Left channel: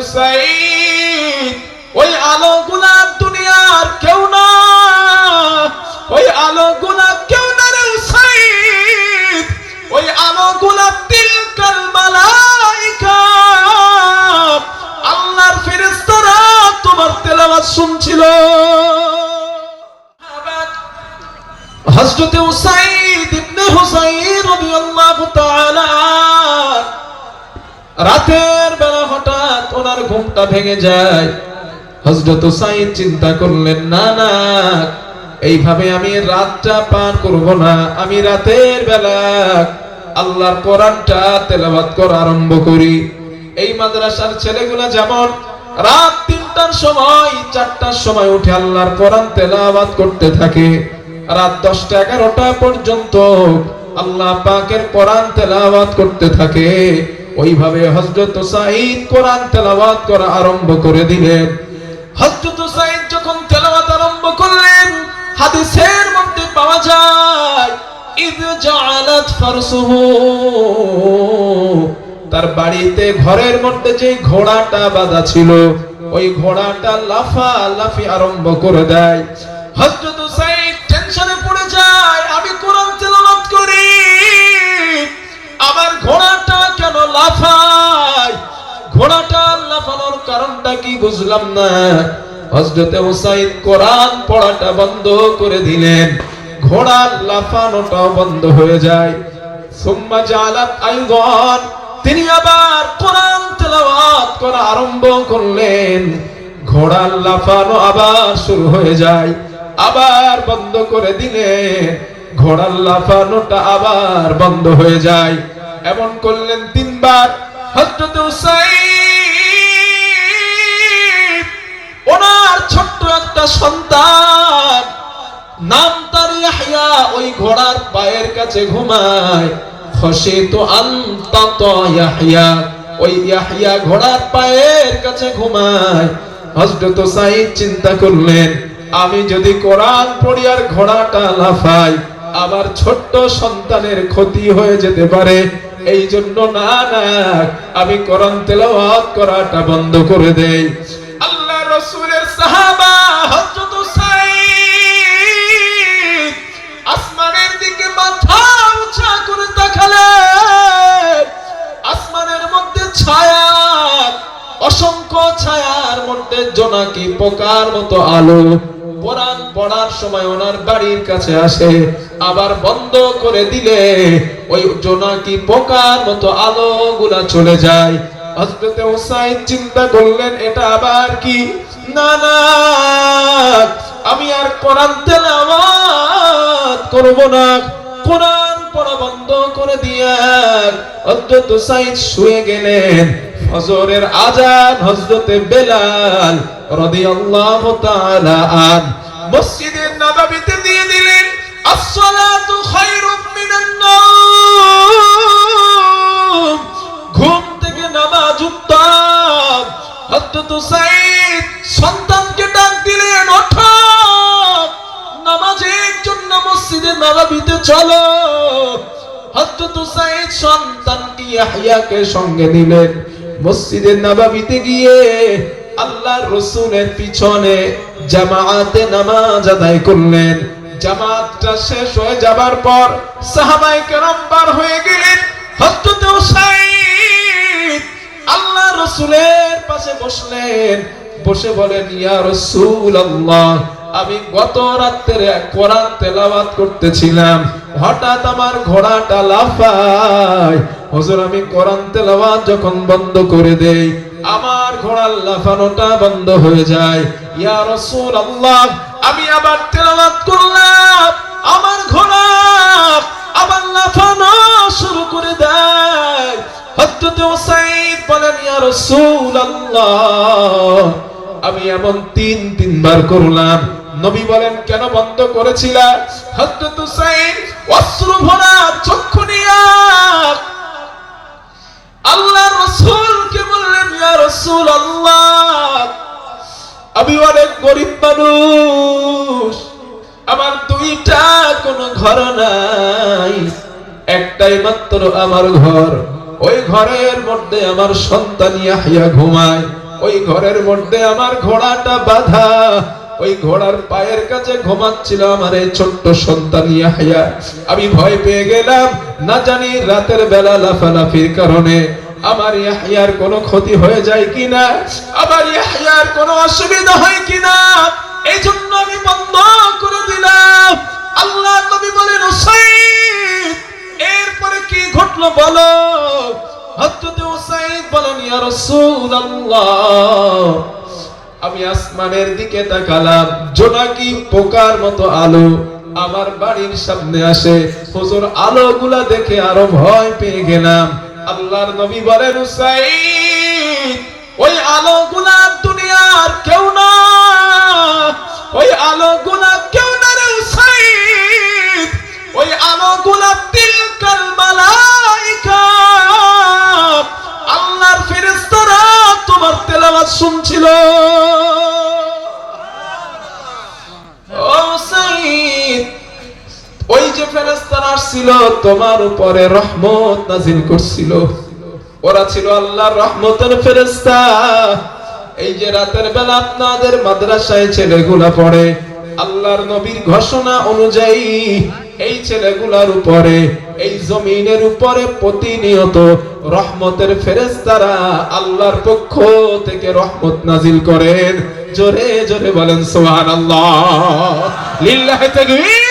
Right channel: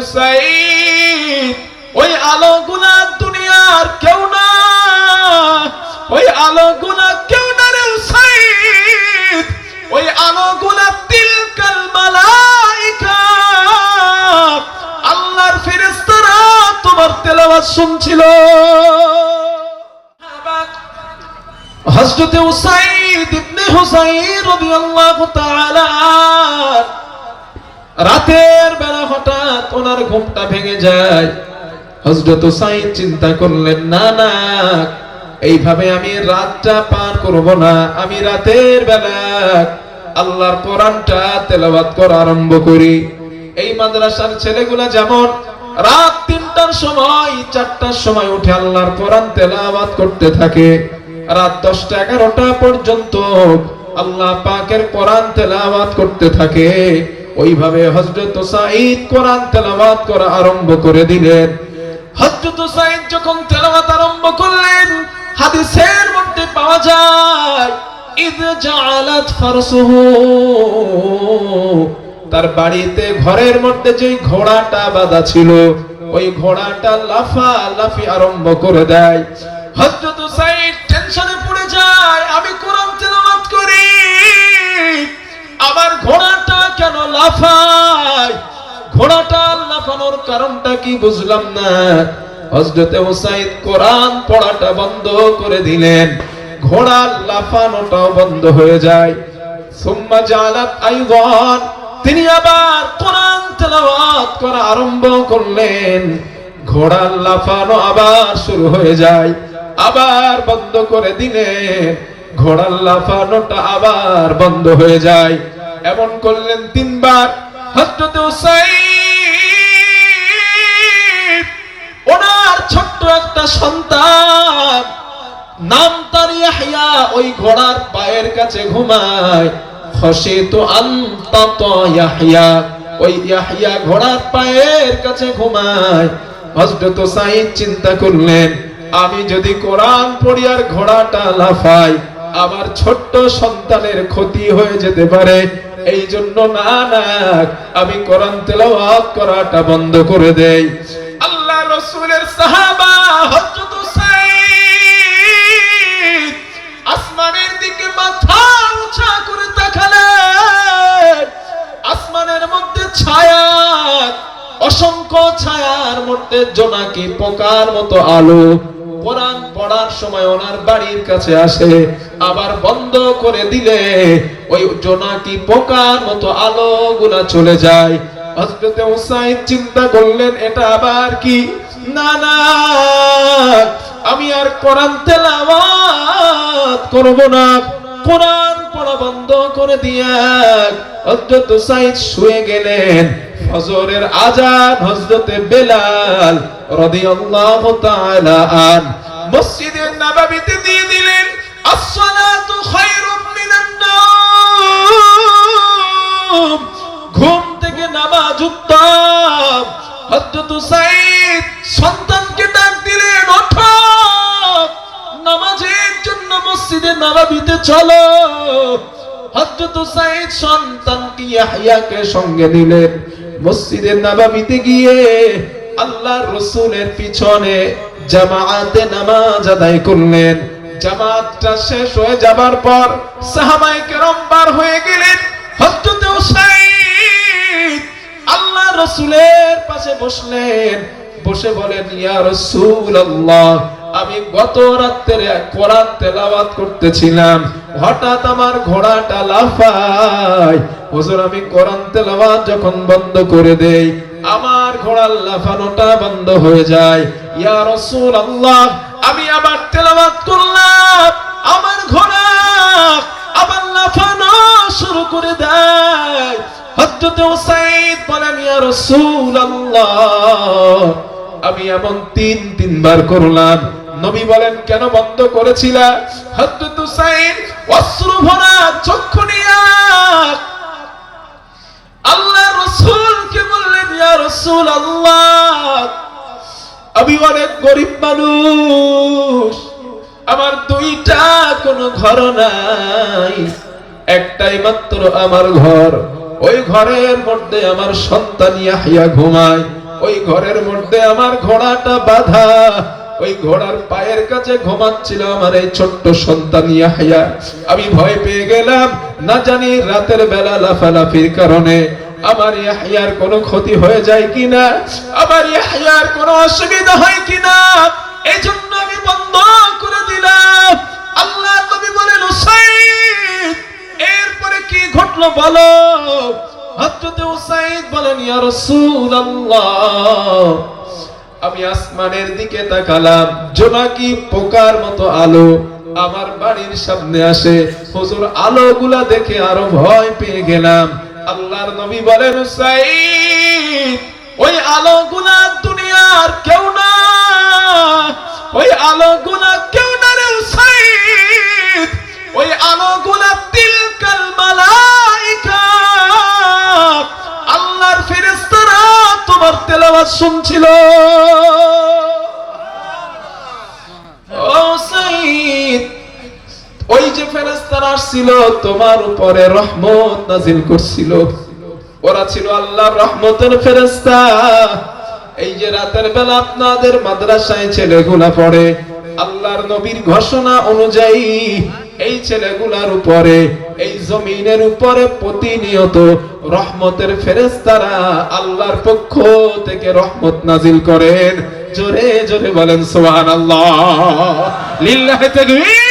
Usaid ওই আলোগুলা দুনিয়ার কেউ না, ওই আলোগুলা কেউ না রে উসাইদ ওই তিলকাল মালাইকা। আল্লাহর ফেরেশতারা তোমার তেলাওয়াত শুনছিল। হযরত উসাইদ ইবনে হুসাইন রাদিয়াল্লাহু তাআলা, রাতের বেলা হঠাৎ ওনার ঘুমটা ভেঙে যায়। হযরত উসাইদ চিন্তা করলেন, না না, এইভাবে আমি রাতটা পার করব না। আমি রাতের বেলা আল্লাহর কোরআনটা তেলাওয়াত করা আরম্ভ করি। এই মাদ্রাসার ছেলেগুলা যেমন রাত তিনটার সময়, চারটার সময় উঠে আল্লাহর কোরআন তেলাওয়াত করতে থাকে, রাত দশটা এগারোটা পর্যন্ত আল্লাহ পাকের কোরআন তেলাওয়াত করতে থাকে। ওইভাবে হজরত সাইদ কোরআন তেলাওয়াত করা আরম্ভ করে দিলেন। হজরত সাইদ যখন তেলাওয়াত আরম্ভ করলেন, হাদিসের মধ্যে পাওয়া যায়, ইদ জাআলাত ফারসুহু। তার বাড়িতে ঘরের মধ্যে যে ঘোড়াটা বাঁধা ছিল, ওই ঘোড়াটা লাফা লাফি আরম্ভ করে দেয়। হযরত সাইদ টেনশনে পড়ে যায়, আমি কোরআন তেলাওয়াত করি, আমার কেন লাফায় ঘোড়াটা লাফানোর কারণটা কি বুঝলাম না? হযরত মুসাইদ কোরআন পড়াটা বন্ধ করে দিলেন। ঘোড়ার লাফানোটাও বন্ধ হয়ে যায়। সুম্মা জালাত আইগান তিনি আবার কোরআন তেলাওয়াত করা আরম্ভ করলেন। ঘোড়ার লাফানো আবার শুরু হয়ে যায়। আবার বন্ধ করে দিলেন। ঘোড়ার লাফানোটা আবার বন্ধ হয়ে যায়। এমন করলেন তিনবার। হযরত উসাইদ, ওনার ছোট্ট একটা সন্তান, নাম তার ইয়াহইয়া, ওই ঘোড়ার পায়ের কাছে ঘুমায়। খসিতু আনতাত ইয়াহইয়া, ওই ইয়াহইয়া ঘোড়ার পায়ের কাছে ঘুমায়। হযরত সাইদ চিন্তা করলেন, আমি যদি কোরআন পড়ি আর ঘোড়াটা লাফাই, আমার ছোট্ট সন্তানের ক্ষতি হয়ে যেতে পারে। এই জন্য না না, আমি কোরআন তেলাওয়াত করাটা বন্ধ করে দেই। আল্লাহ রাসূলের সাহাবা হযরত সাইদ আসমানের দিকে মাথা উঁচা করে তাকালেন। আসমানের মধ্যে ছায়া, অসংখ্য ছায়ার মধ্যে জোনাকি পোকার মতো আলো। কোরআন পড়ার সময় ওনার বাড়ির কাছে আসে। আবার বন্ধ করে দিলে ওই জোনাকি পোকার মতো আলো গুলা চলে যায়? হযরতে হুসাইন চিন্তা করলেন, এটা আবার কি? না না, আমি আর কোরআন তেলাওয়াত করব না। কোরআন পড়া বন্ধ করে দিয়ে হযরত সাইদ শুয়ে গেলেন। ফজরের আজান হযরতে বেলাল রাদিয়াল্লাহু তাআলা আন মসজিদে নববীতে দিয়ে দিলেন। ঘুম থেকে নামাজ উত্তম। হযরত সাইদ সন্তানকে ডাক দিলেন, ওঠো। নামাজের জন্য মসজিদে নববীতে চলো। হযরত সাইদ সন্তানকে ইয়াহইয়াকে সঙ্গে দিলেন মসজিদে নববীতে গিয়ে আল্লাহর রাসূলের পিছনে জামাআতে নামাজ আদায় করলেন। জামাতটা শেষ হয়ে যাবার পর সাহাবায়ে কেরাম বার হয়ে গেলেন। হযরত সাইদ আল্লাহ রসুলের পাশে বসলেন। বসে বলেন, ইয়া রাসূলুল্লাহ, আমি গত রাত্রে কোরআন তেলাওয়াত করতেছিলাম। হঠাৎ আমার ঘোড়াটা লাফায়। হুজুর, আমি কোরআন তেলাওয়াত যখন বন্ধ করে দেই, আমার ঘোড়ার লাফানোটা বন্ধ হয়ে যায়। ইয়া রাসূলুল্লাহ আমি আবার তেলাবাদ করলাম, আমার ঘোড়া আবার লাফানো শুরু করে দেয়। আমি এমন তিন, তিনবার করলাম। নবী বলেন, কেন বন্ধ করেছিলা? হযরত উসাইদ অশ্রু ভরা চক্ষু নিয়া। রাসূলকে বললেন আমি অনেক গরিব মানুষ, আমার দুইটা কোনো ঘর নাই। একটাই মাত্র আমার ঘর। ওই ঘরের মধ্যে আমার সন্তান ইয়াহিয়া ঘুমায়। ওই ঘরের মধ্যে আমার ঘোড়াটা বাধা। ওই ঘোড়ার পায়ের কাছে ঘুমাচ্ছিল আমার এই ছোট্ট সন্তান ইয়াহিয়া। আমি ভয় পেয়ে গেলাম, না জানি রাতের বেলা লাফালাফির কারণে। আমার ইয়াহিয়ার কোনো ক্ষতি হয়ে যায় কিনা? আমার ইয়াহিয়ার কোনো অসুবিধা হয় কিনা? এই জন্য আমি বন্ধ করে দিলাম। আল্লাহ নবী বলেন এরপরে কি ঘটলো বলো? হযরত উসাইদ বলেন, ইয়া রাসূলুল্লাহ, আমি আসমানের দিকে তাকালাম, জোনাকি পোকার মতো আলো আমার বাড়ির সামনে আসে। হুজুর, আলোগুলা দেখে আরও ভয় পেয়ে গেলাম। আল্লাহর নবী বলেন উসাইদ ওই আলোগুলা দুনিয়ার কেউ না। ওই আলোগুলা কেউ না রে উসাইদ ওই আলোগুলা তিলকাল মালাইকা। আল্লাহর ফেরেশতারা তোমার তেলাওয়াত শুনছিল। ওই আসছিল, তোমার উপরে রহমত নাজিল করছিল। ওরা ছিল আল্লাহর রহমতের ফেরেশতা। এই যে রাতের বেলা আপনাদের মাদ্রাসায় ছেলেগুলা পড়ে, আল্লাহর নবীর ঘোষণা অনুযায়ী এই ছেলেগুলার উপরে, এই জমিনের উপরে প্রতিনিয়ত রহমতের ফেরেশতারা আল্লাহর পক্ষ থেকে রহমত নাজিল করেন। জোরে জোরে বলেন সুবহানাল্লাহ। লিল্লাহি তাকবীর।